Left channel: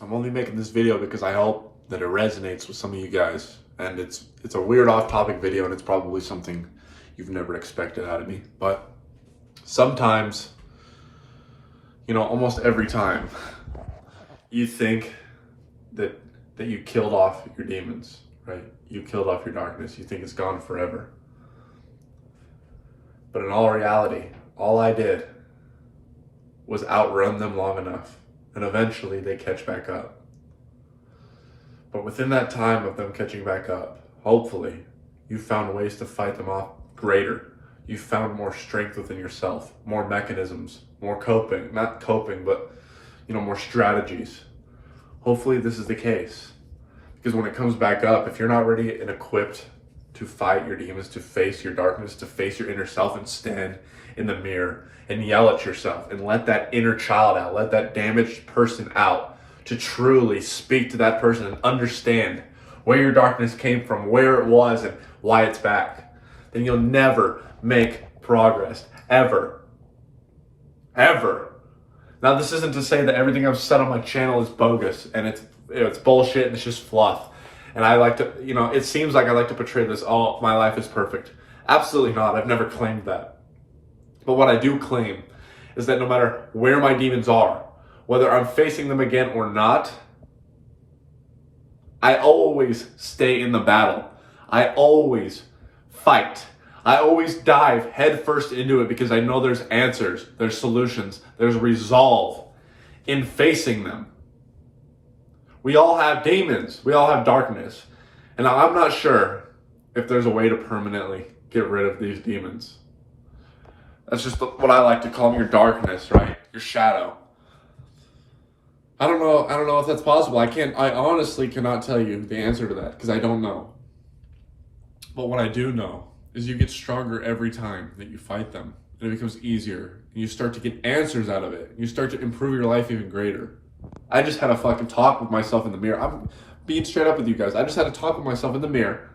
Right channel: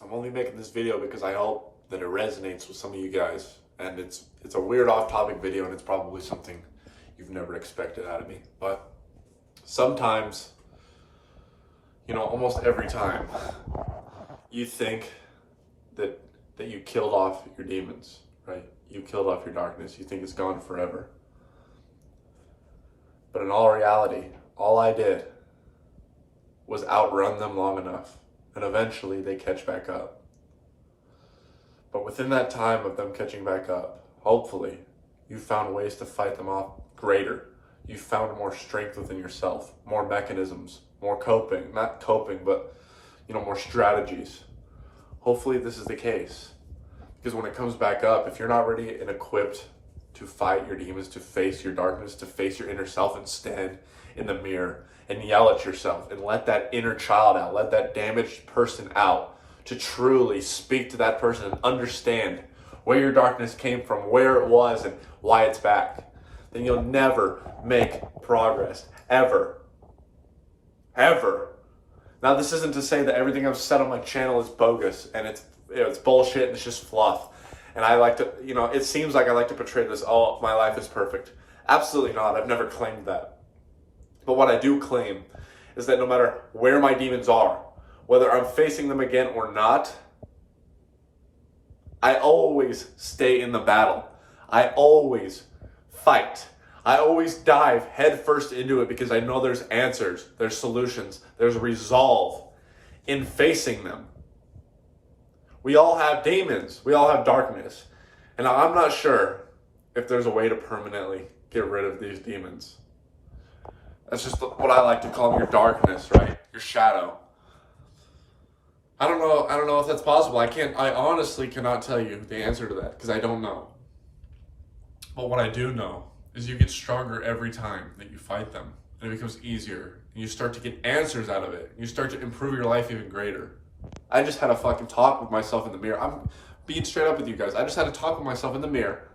I'm only making this video because I hope that it resonates with some of you guys. And it's a weird off-topic video, and it's probably something you've never expected out of me. But sometimes, almost every time, you think that you killed off your demons, right? You killed off your darkness. You think it's gone forever. But in all reality, all I did was outrun them long enough, and eventually they catch back up. But within that time of them catching back up, hopefully, you found ways to fight them off greater. You found more strength within yourself, more mechanisms, more coping, not coping, but, more strategies. Hopefully this is the case. Because when it comes back up, if you're not ready and equipped to fight your demons, to face your darkness, to face your inner self and stand in the mirror and yell at yourself and let that inner child out, let that damaged person out, to truly speak to that person and understand where your darkness came from, where it was, and why it's back, then you'll never make progress, ever. Ever. Now, this isn't to say that everything I've said on my channel is bogus and it's bullshit and it's just fluff. And I like to, it seems like I like to portray this, oh, my life is perfect. Absolutely not. I've never claimed that. But what I do claim is that no matter where my demons are, whether I'm facing them again or not, I always stay in the battle. I always fight. I always dive headfirst into it because I know there's answers, there's solutions, there's resolve in facing them. We all have demons. We all have darkness. And I'm not sure if there's a way to permanently get rid of these demons. That's just what I like to call them, your darkness, right? Your shadow. I don't know if that's possible. I honestly cannot tell you the answer to that because I don't know. But what I do know is you get stronger every time that you fight them. And it becomes easier. And you start to get answers out of it. You start to improve your life even greater. I just had a fucking talk with myself in the mirror. I'm being straight up with you guys. I just had a talk with myself in the mirror,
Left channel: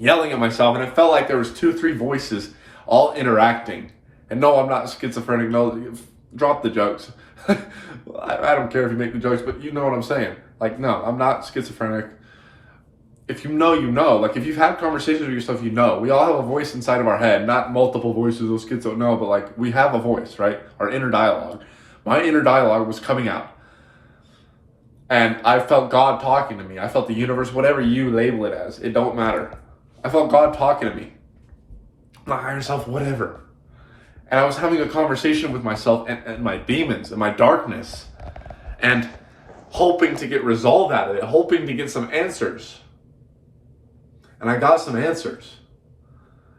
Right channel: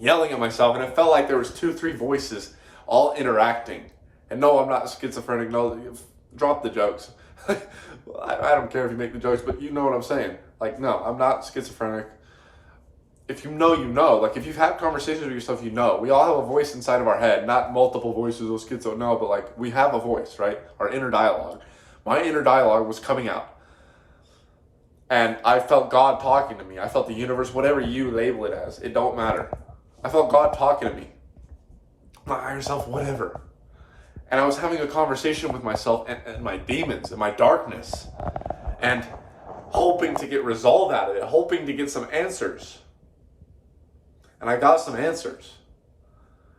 yelling at myself, and it felt like there was 2-3 voices all interacting. And no, I'm not schizophrenic. No, drop the jokes. I don't care if you make the jokes, but you know what I'm saying. Like, no, I'm not schizophrenic. If you know, you know. Like, if you've had conversations with yourself, you know. We all have a voice inside of our head, not multiple voices, those kids don't know, but like, we have a voice, right? Our inner dialogue. My inner dialogue was coming out. And I felt God talking to me. I felt the universe, whatever you label it as, it don't matter. I felt God talking to me. My higher self, whatever. And I was having a conversation with myself and my demons and my darkness, and hoping to get resolve out of it, hoping to get some answers. And I got some answers.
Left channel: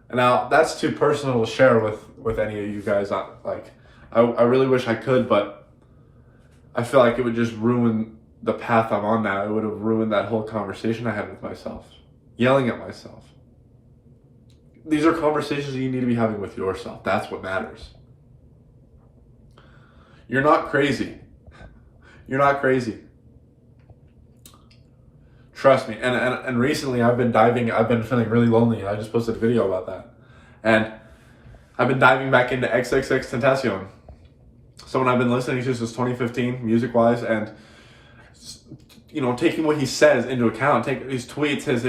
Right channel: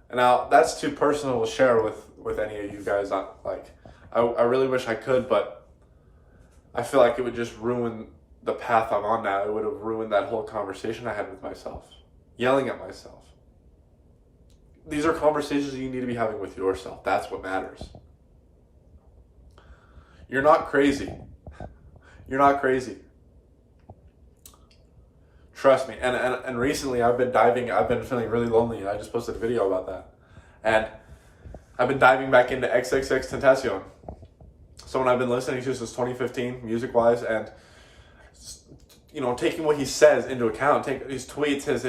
And now that's too personal to share with any of you guys. I really wish I could, but I feel like it would just ruin the path I'm on now. It would have ruined that whole conversation I had with myself, yelling at myself. These are conversations you need to be having with yourself. That's what matters. You're not crazy. You're not crazy. Trust me. And recently I've been feeling really lonely. I just posted a video about that. And I've been diving back into XXXTentacion. Someone I've been listening to since 2015, music-wise, and taking what he says into account, take his tweets, his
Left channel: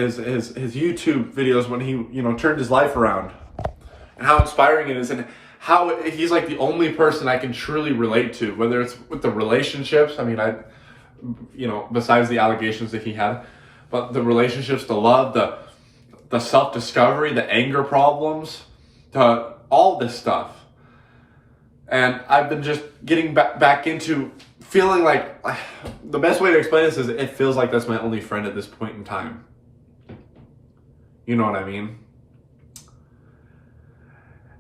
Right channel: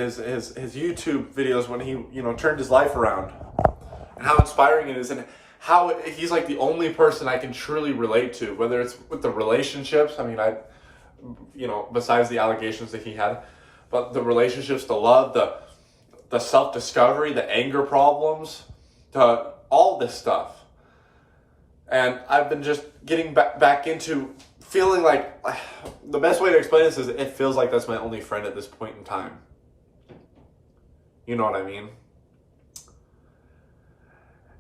YouTube videos when he turned his life around, and how inspiring it is, and how he's like the only person I can truly relate to, whether it's with the relationships. I mean, besides the allegations that he had, but the relationships, the love, the self-discovery, the anger problems, all this stuff. And I've been just getting back into feeling like, the best way to explain this is it feels like that's my only friend at this point in time. You know what I mean?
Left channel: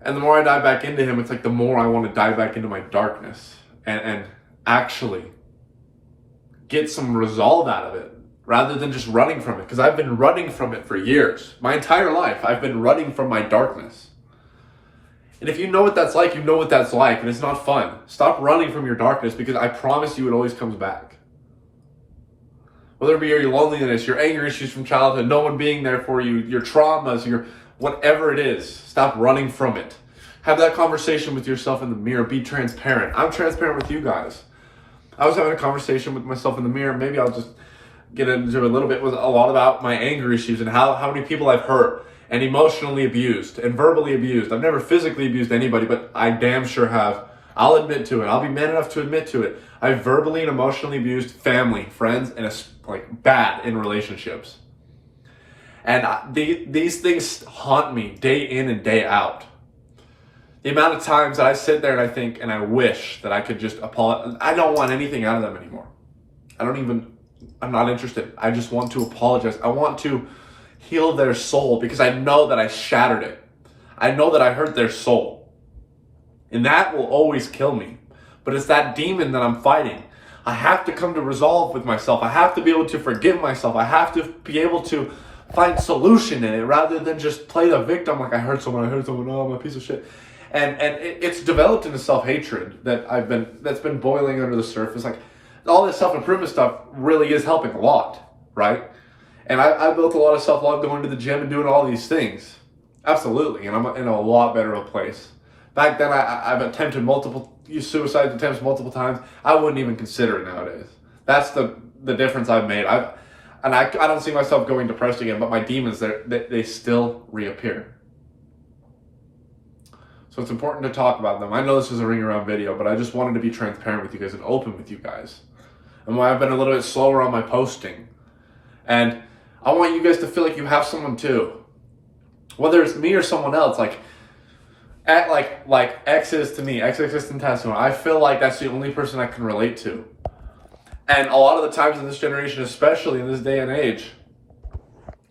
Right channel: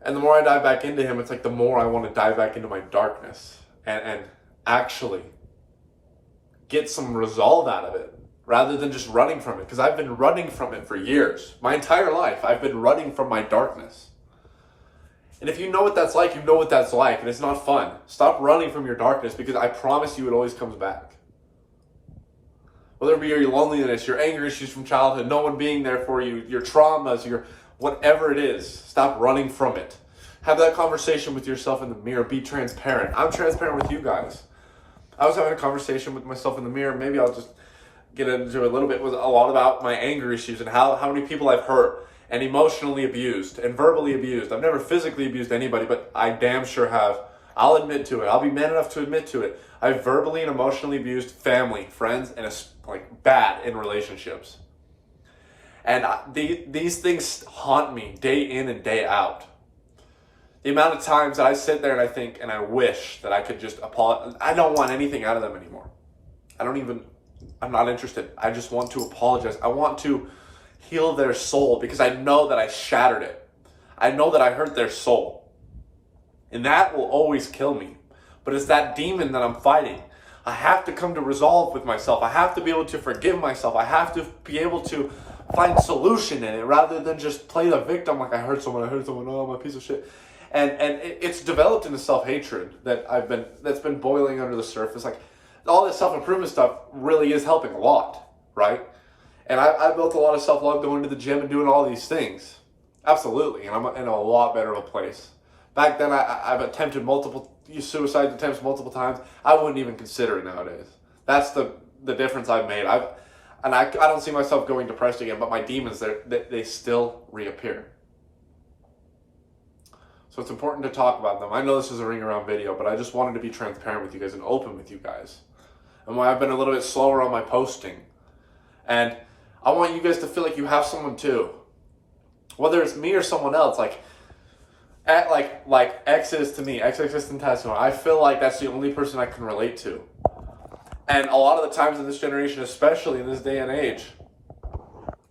And the more I dive back into him, it's like the more I want to dive back into my darkness and actually get some resolve out of it rather than just running from it. Because I've been running from it for years. My entire life, I've been running from my darkness. And if you know what that's like, you know what that's like, and it's not fun. Stop running from your darkness, because I promise you it always comes back. Whether it be your loneliness, your anger issues from childhood, no one being there for you, your traumas, your whatever it is, stop running from it. Have that conversation with yourself in the mirror. Be transparent. I'm transparent with you guys. I was having a conversation with myself in the mirror. Maybe I'll just get into a little bit with a lot about my anger issues and how many people I've hurt and emotionally abused and verbally abused. I've never physically abused anybody, but I damn sure have. I'll admit to it. I'll be man enough to admit to it. I've verbally and emotionally abused family, friends, and like bad in relationships. And these things haunt me day in and day out. The amount of times that I sit there and I think and I wish that I could just apologize. I don't want anything out of them anymore. I'm not interested. I just want to apologize. I want to heal their soul because I know that I shattered it. I know that I hurt their soul. And that will always kill me. But it's that demon that I'm fighting. I have to come to resolve with myself. I have to be able to forgive myself. I have to be able to find solution in it rather than just play the victim like I hurt someone, oh, I'm a piece of shit. And it's developed into self-hatred that's been boiling under the surface. Like all this self-improvement stuff really is helping a lot, right? And I built a lot of self-love going to the gym and doing all these things. Absolutely. And I'm in a lot better of a place. Back then, I've attempted suicide attempts multiple times. I wouldn't even consider it nowadays. That's the difference I've made. I don't see myself going depressed again, but my demons, they still reappear. So it's important to talk about them. I know this is a ring around video, but I just wanted to be transparent with you guys and open with you guys. And why I've been a little bit slower on my posting. And I want you guys to feel like you have someone too. Whether it's me or someone else, like X is to me, X existent testimony. I feel like that's the only person I can relate to. And a lot of the times in this generation, especially in this day and age,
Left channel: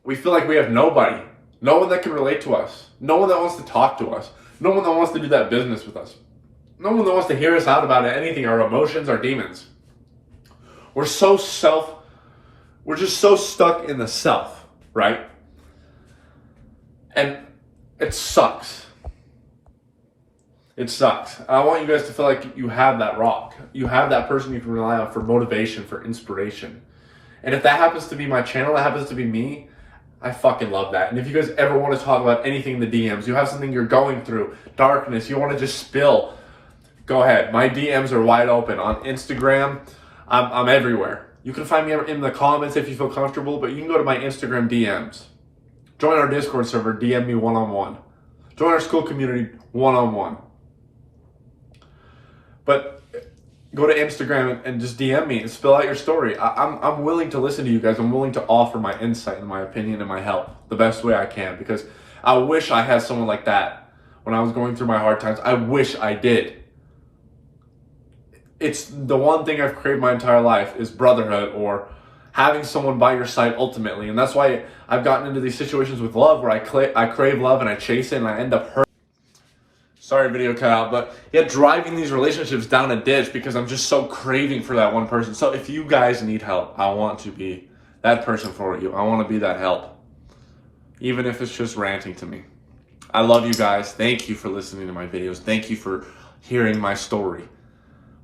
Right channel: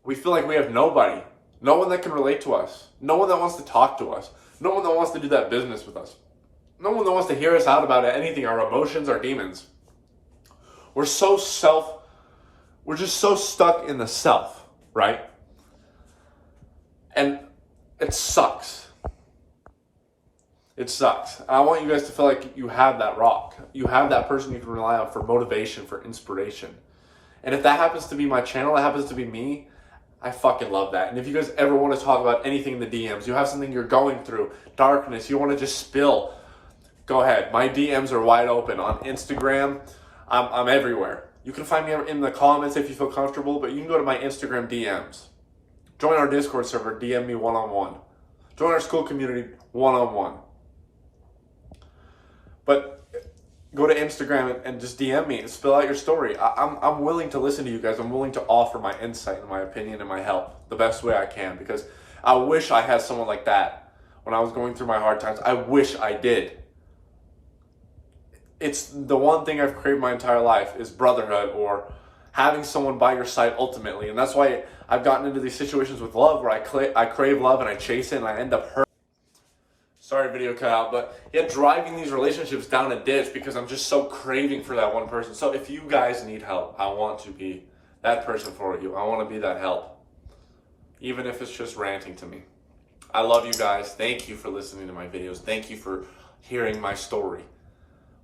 we feel like we have nobody. No one that can relate to us. No one that wants to talk to us. No one that wants to do that business with us. No one that wants to hear us out about anything, our emotions, our demons. We're just so stuck in the self, right? And it sucks. It sucks. I want you guys to feel like you have that rock. You have that person you can rely on for motivation, for inspiration. And if that happens to be my channel, that happens to be me, I fucking love that. And if you guys ever want to talk about anything in the DMs, you have something you're going through, darkness, you want to just spill, go ahead. My DMs are wide open. On Instagram, I'm everywhere. You can find me in the comments if you feel comfortable, but you can go to my Instagram DMs. Join our Discord server, DM me one-on-one. Join our school community one-on-one. But go to Instagram and just DM me and spill out your story. I'm willing to listen to you guys. I'm willing to offer my insight and my opinion and my help the best way I can, because I wish I had someone like that when I was going through my hard times. I wish I did. It's the one thing I've craved my entire life is brotherhood, or having someone by your side ultimately. And that's why I've gotten into these situations with love where I crave love and I chase it and I end up hurt. Sorry, video cut out, but yet driving these relationships down a ditch because I'm just so craving for that one person. So if you guys need help, I want to be that person for you. I want to be that help, even if it's just ranting to me. I love you guys. Thank you for listening to my videos. Thank you for hearing my story.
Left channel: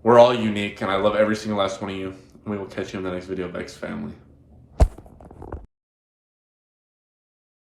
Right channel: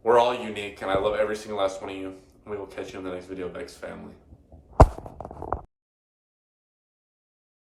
We're all unique, and I love every single last one of you. And we will catch you in the next video, VEXED family.